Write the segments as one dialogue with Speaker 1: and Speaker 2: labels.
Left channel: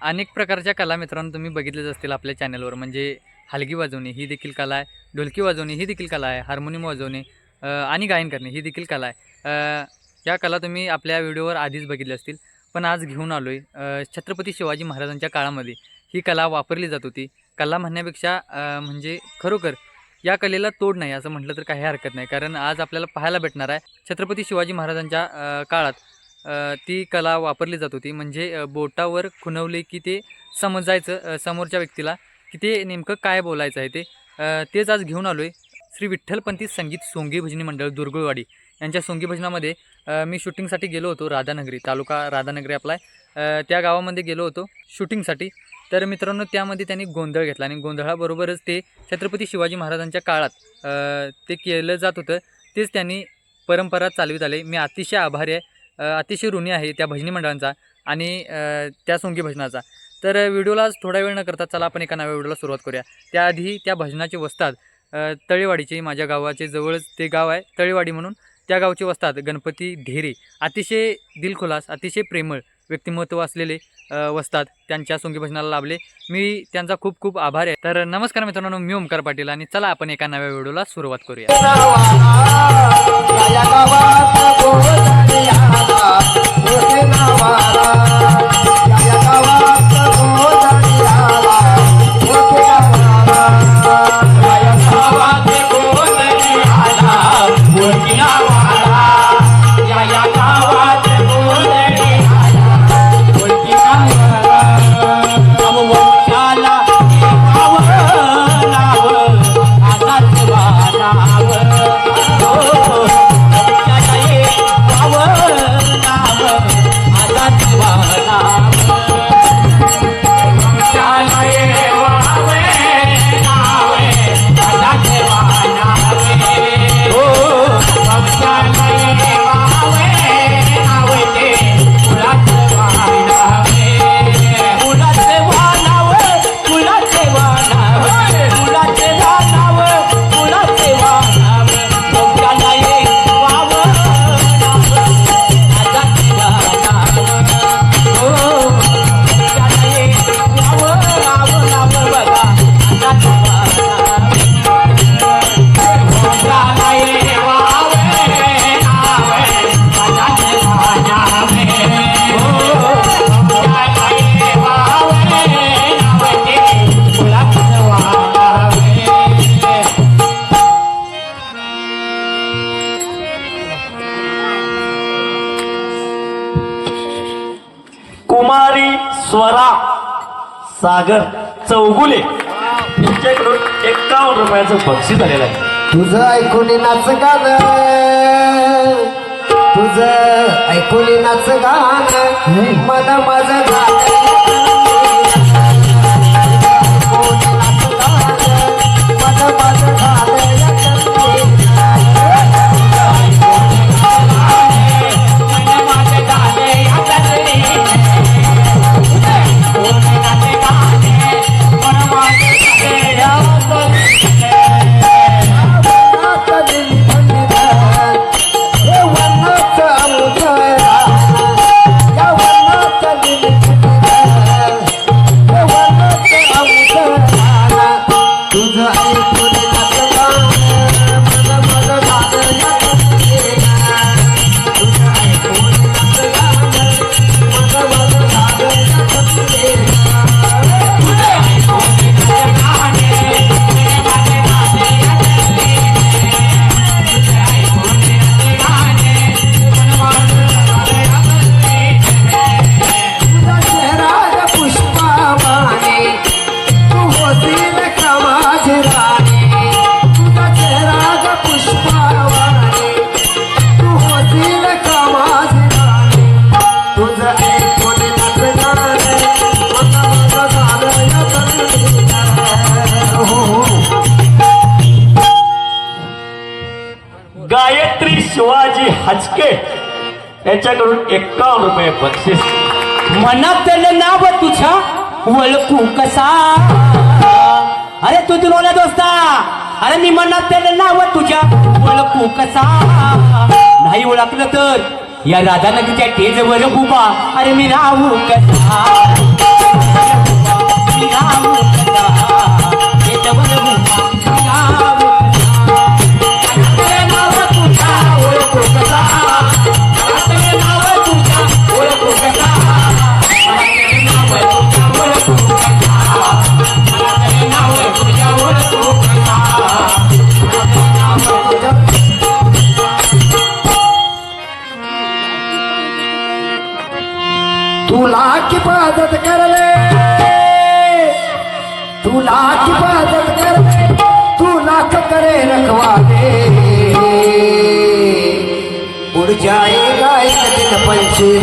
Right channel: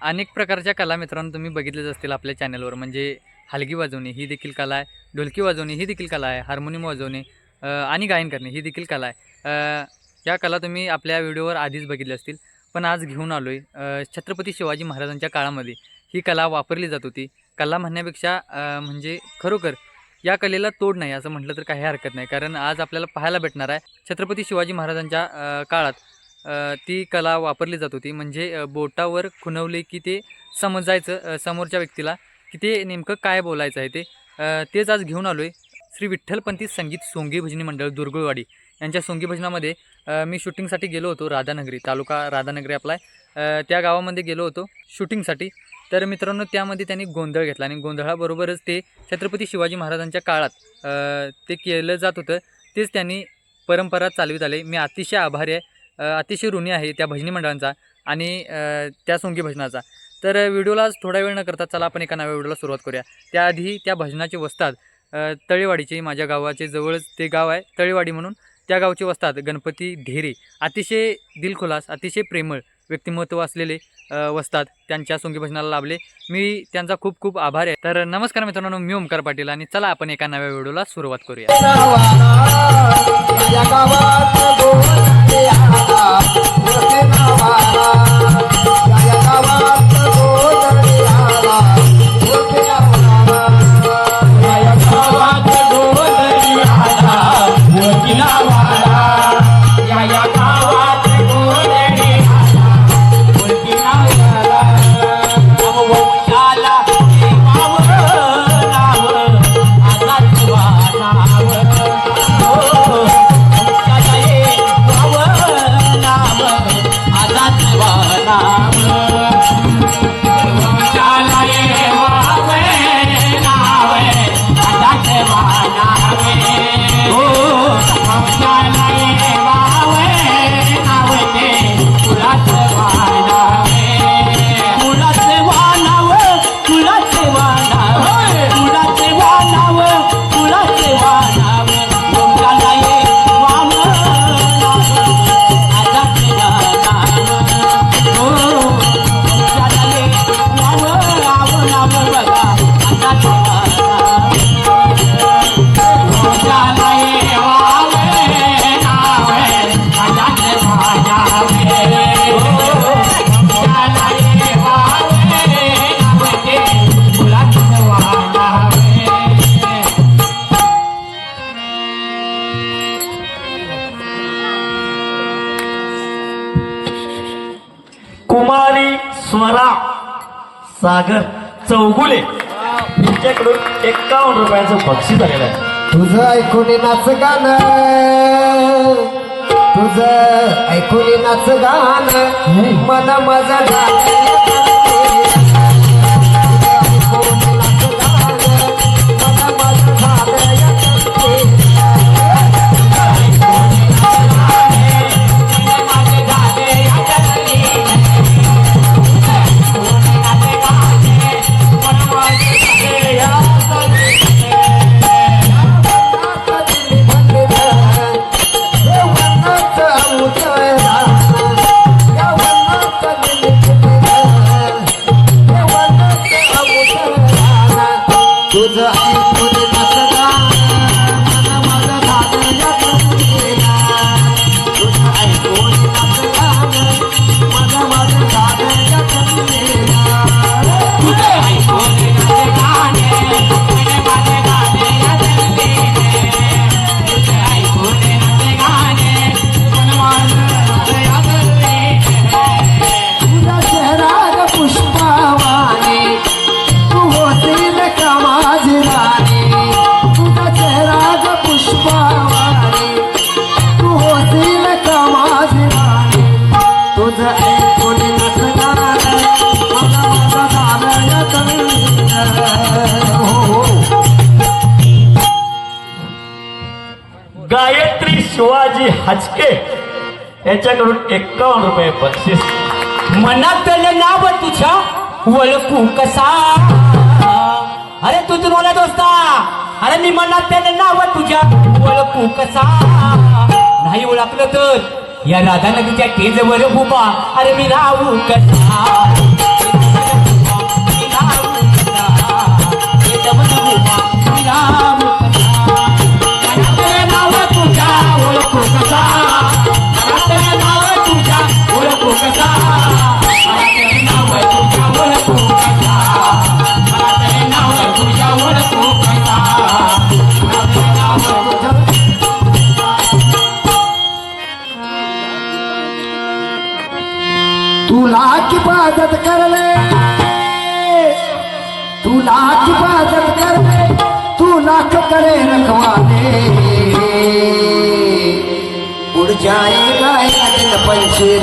Speaker 1: अनेक प्रकारच्या कला मित्रांनो तुम्ही बघितलेच असतील आपल्या चॅनलवर म्हणजे हलगी वाजवणे ही देखील कला आहे. ढोलकी वाजवणे ही देखील कला आहे. हार्मोनियम वाजवणे आणि गायन करणे ही देखील कला आहे. या कला तुम्ही आपल्या व्हिडिओवर आधीच बघितल्या असतील. पण आज घेऊन आलो आहे छत्रपती शिवाजी महाराजांच्या काळामध्ये ही कला वापरली जात होती. कला म्हणण्यापेक्षा म्हणजे खरोखर या कलेला तोड नाही असं म्हटलं तर काही हरकत नाही. कारण आज आपल्याला पाहायला भेटणार आहे छत्रपती शिवाजी महाराजांच्या काळात ती कला वापरली जात होती. म्हणजे बोटावर खुणवले की ते समजायचं समोरच्या व्यक्तीला की ते नेमकं काय बोलायचं आहे ते. तेच आज घेऊन आलो आहे श्री विठ्ठलपंथी संगीत सोंगी भजनी मंडळ दुर्गुळवाडी. यांच्या सोंगी भजनामध्ये मी शूटिंगसाठी गेलो होतो राधानगरी तालुका राधानगरी आपला आहे. त्या गावामध्ये गेलो होतो शूटिंगसाठी. तर मित्रांनो त्यामध्ये त्यांनी गोंधळ घेतला आणि गोंधळाबरोबरच ते छत्रपती शिवाजी महाराजांच्या काळात ते केलं जात होतं. तेच त्यांनी परंपरा चालवित आले. मी अतिशय आभारी आहे. अतिशय ऋणी आहे त्या भजनी मंडळांचा आणि त्या सोंगी भजनाचा. तर व्हिडिओलाच थोडा वेळ न करता चला आपण एका नव्या व्हिडिओला सुरुवात करूया. त्याआधी त्या भजनाचे वस्तात तळेवाडीचे माझ्या गावाचे जवळच ते गाव आहे तळेवाडी म्हणून. त्या गावचे वस्तात गणपती ढेरे. अतिशय दिलखुलास अतिशय प्रेमळ व्यक्तिमत्व असलेले वस्तात त्यांच्या सोंगी भजनाला लाभले. मी त्यांचा खूप खूप आभार आहे. तर नमस्कार मित्रांनो मी ओमकार पाटील आणि चला आपण एका नव्या व्हिडिओला सुरुवात करूया.
Speaker 2: Thank you. चौगुले यांच्याकडून एक्कावन्न रुपयाचं बक्षीस आलेलं आहे.
Speaker 3: तुझं ऐकून नाच गाणं. तुझं ऐकून नाच गाणं. मन
Speaker 2: शिवाजी याच्याकडून एक्कावन्न रुपये बक्षीस.
Speaker 4: मनात त्याला नाव तुझ्या. वळखू कसा? अरे तू तुला दोस्ता. अरे मी मनात त्याला नाव तुझ्या. वळखू कसा? नाही ओळखलं तर या राधा नदीच्या टेजवर उभा. अरे मी राहू कसा?
Speaker 3: तुला किफाजत करले. तुला किफाजत करले. तू लाख करे रखवाले. उड़ जाएगा एक दिन पंछी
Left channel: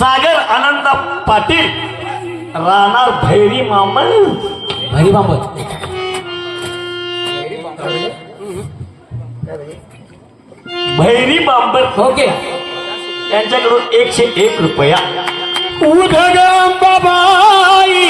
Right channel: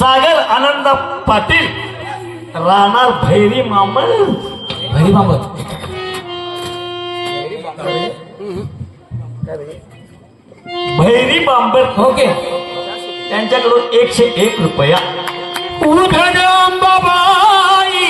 Speaker 5: सागर आनंद पाटिल राहणार भैरी मामळ
Speaker 2: भैरी मामळ
Speaker 5: भैरी बांबर
Speaker 2: ओके।
Speaker 5: त्यांच्याकडून एकशे एक रुपया।
Speaker 2: उधड बाबाई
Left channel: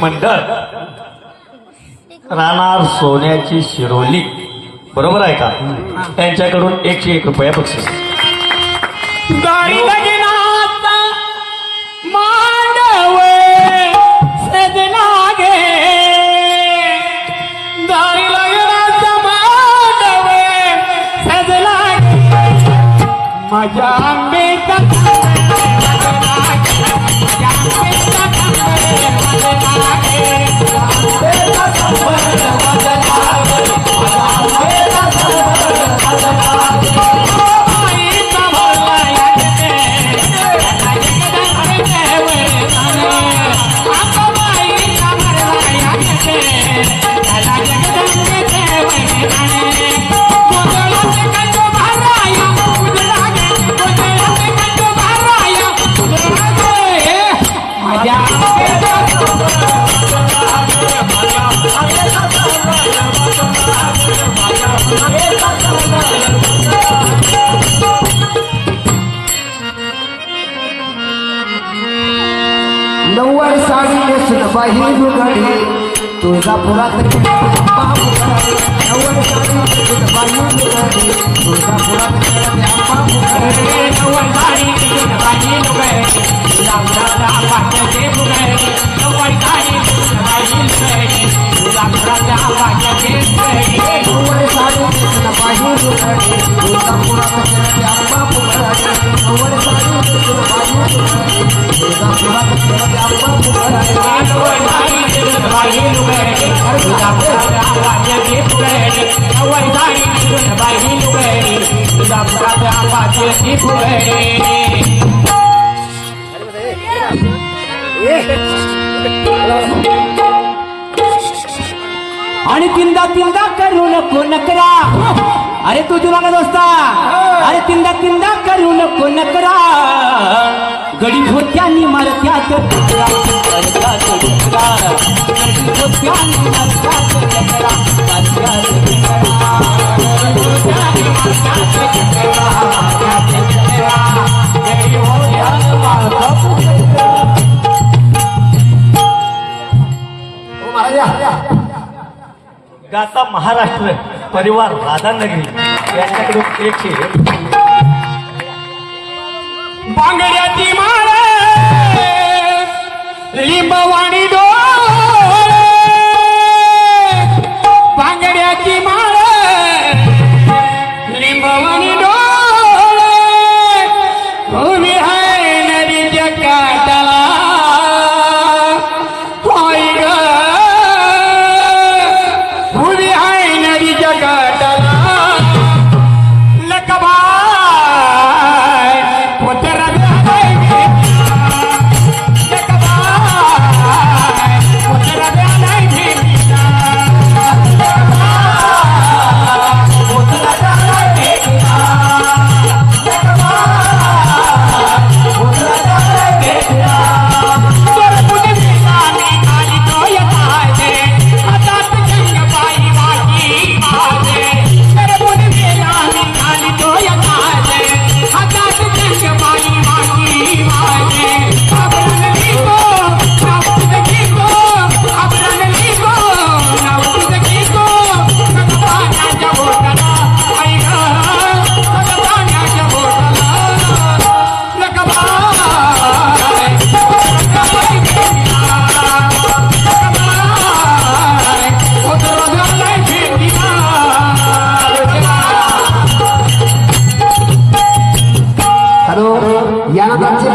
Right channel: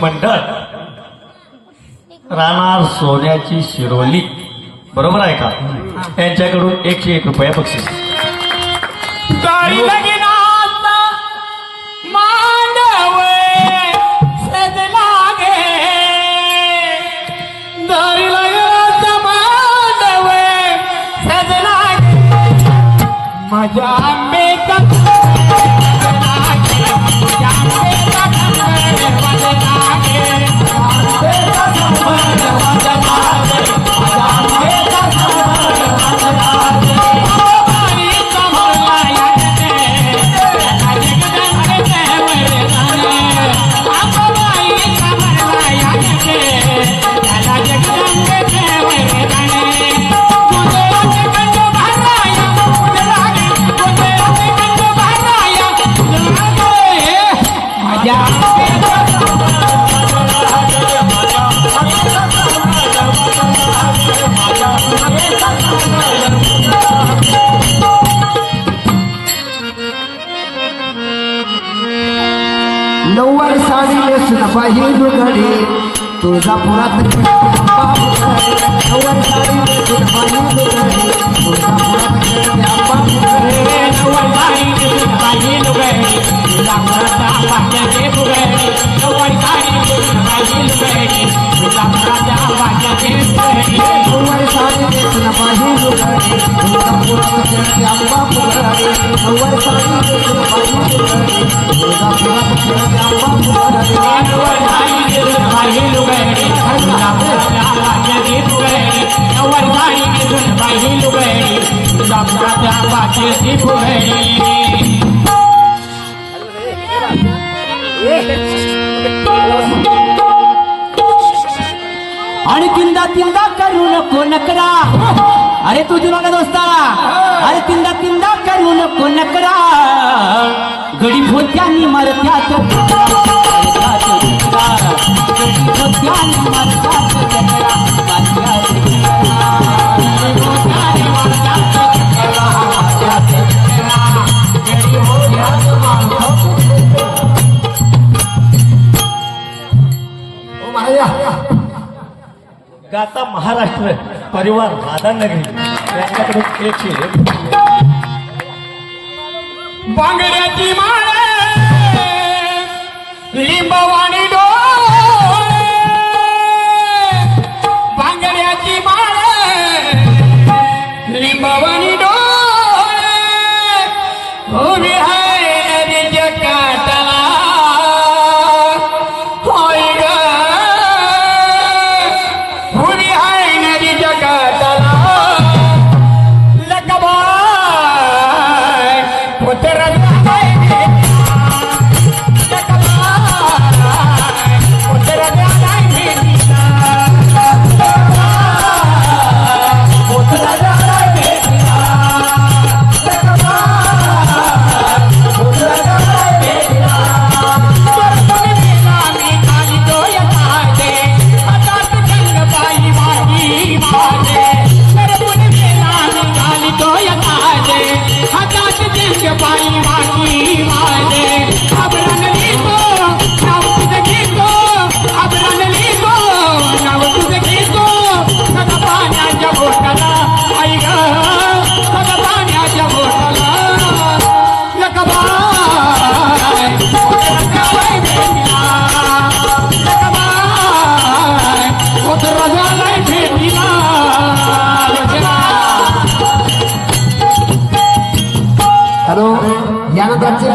Speaker 5: मंडळ. राहणार सोन्याची शिरोली. बरोबर आहे का? त्यांच्याकडून एकशे एक रुपया
Speaker 2: पक्षी माझ्या आणि तिंदा तिंदा करू नको नकरा अरे तू जुना दोस्ता अरे तिंदा तिंदा करू नको नकरा गडी होत्यानी मारत्यात
Speaker 3: ओ
Speaker 5: गाता महाराष्ट्र परिवार राधानगरी यांच्याकडून एक
Speaker 2: बांगड्याची माळ लिंबवाणी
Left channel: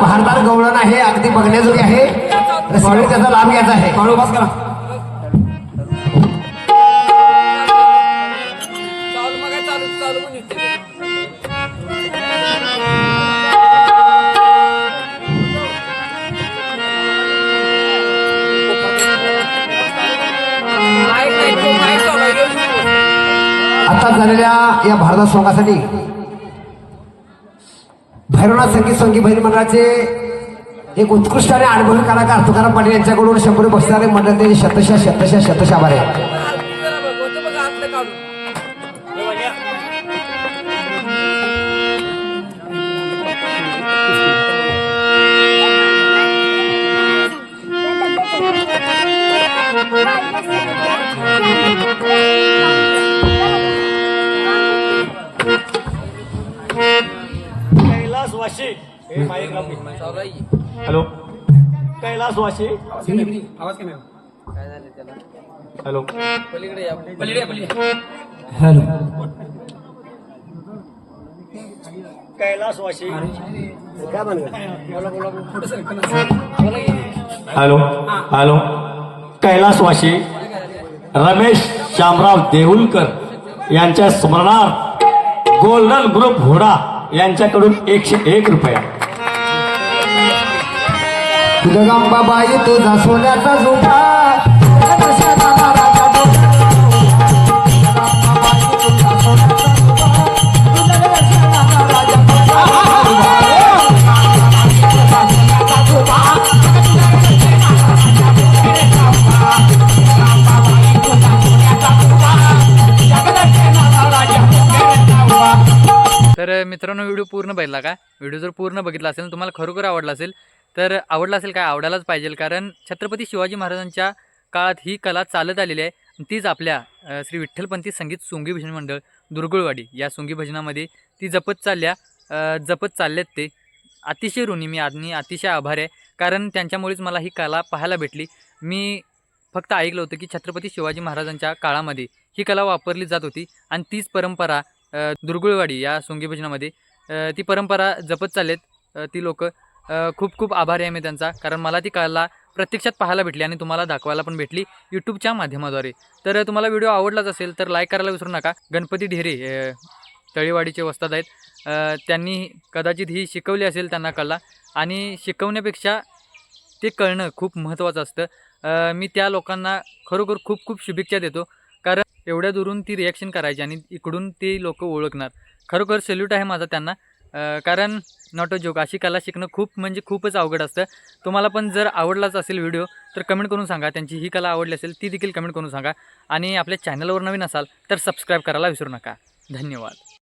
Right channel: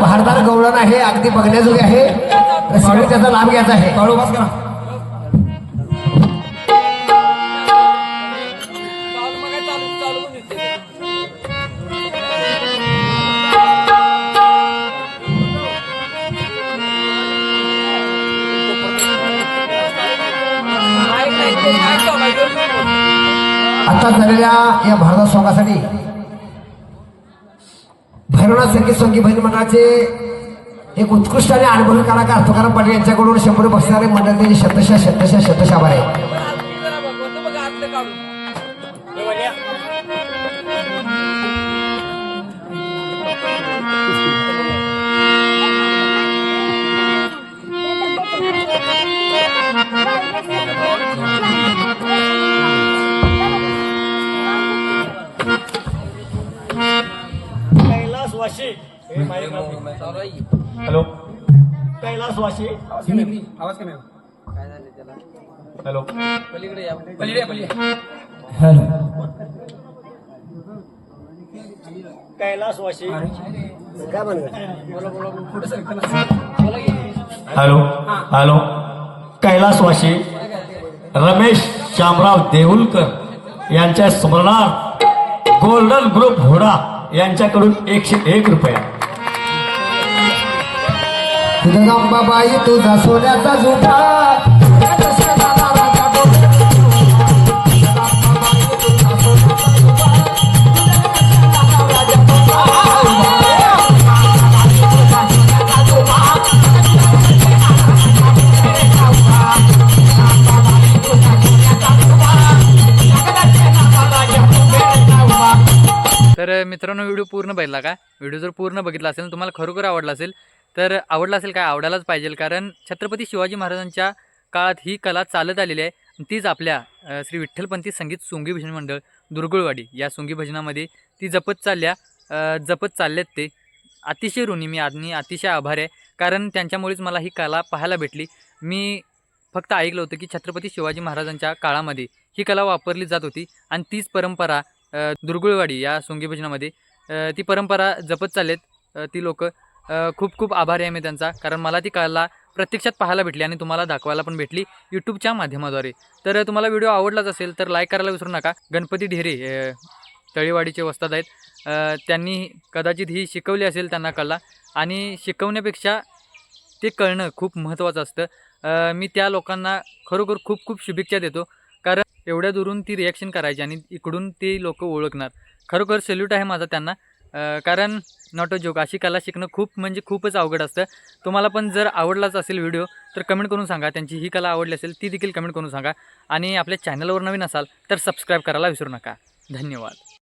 Speaker 3: भारतात त्यांचे भारदार आहे अगदी बघण्याजोगी आहे. त्याचा लाभ घ्यायचा आहे. बस करा. भैरवनाथ संगीत संगीत भजन मंडळाचे एक उत्कृष्ट आणि अनुभवी कलाकार तुकाराम पाटील यांच्याकडून शंभर बसणारे मंडळ शतशा शतशा शतशा आहे
Speaker 5: Kailas Vashi. Hello. Kailas Vashi. Hello. Hello. Kailas Vashi. Ramesh Shamrao Deulkar यांच्या स्मरणार्थ गोल्डन ग्रुप घोडा यांच्याकडून एकशे एक रुपया.
Speaker 3: तर
Speaker 1: मित्रांनो व्हिडिओ पूर्ण बघितला का? व्हिडिओ जर पूर्ण बघितला असेल तुम्हाला खरोखर आवडला असेल तर आवडला असेल काय? आवडायलाच पाहिजे कारण छत्रपती शिवाजी महाराजांच्या काळात ही कला चालत आलेली आहे. आणि तीच आपल्या श्री विठ्ठलपंथी संगीत सोंगी भजन मंडळ दुर्गुळवाडी या सोंगी भजनामध्ये ती जपत चालल्या जपत चाललेत ते. अतिशय ऋणी मी आणि अतिशय आभार आहे. कारण त्यांच्यामुळेच मला ही कला पाहायला भेटली. मी फक्त ऐकलं होतं की छत्रपती शिवाजी महाराजांच्या काळामध्ये ही कला वापरली जात होती. आणि तीच परंपरा दुर्गुळवाडी या सोंगी भजनामध्ये ती परंपरा जपत चाललेत ती लोक. खूप खूप आभारी आहे मी त्यांचा कारण मला ती कला प्रत्यक्षात पाहायला भेटली आणि तुम्हाला दाखवायला पण भेटली यूट्यूबच्या माध्यमाद्वारे. तर तुम्हाला व्हिडिओ आवडलाच असेल तर लाईक करायला विसरू नका. गणपती ढेरे तळीवाडीचे वस्तात वस्ताद आहेत. त्यांनी कदाचित ही शिकवली असेल त्यांना कला आणि शिकवण्यापेक्षा ते कळणं खूप महत्त्वाचं असतं. मी त्या लोकांना खरोखर खूप खूप शुभेच्छा देतो कारण एवढ्या दुरून ती रिॲक्शन करायची आणि इकडून ते लोक ओळखणार. खरोखर सल्यूट आहे माझा त्यांना. कारण नॉट अ जोक अशी कला शिकणं खूप म्हणजे खूपच अवघड असतं. तुम्हाला पण जर आवडलाच असेल व्हिडिओ तर कमेंट करून सांगा. त्यांची ही कला आवडली असेल ती देखील कमेंट करून सांगा. आणि आपल्या चॅनलवर नवीन असाल तर सबस्क्राईब करायला विसरू नका. धन्यवाद.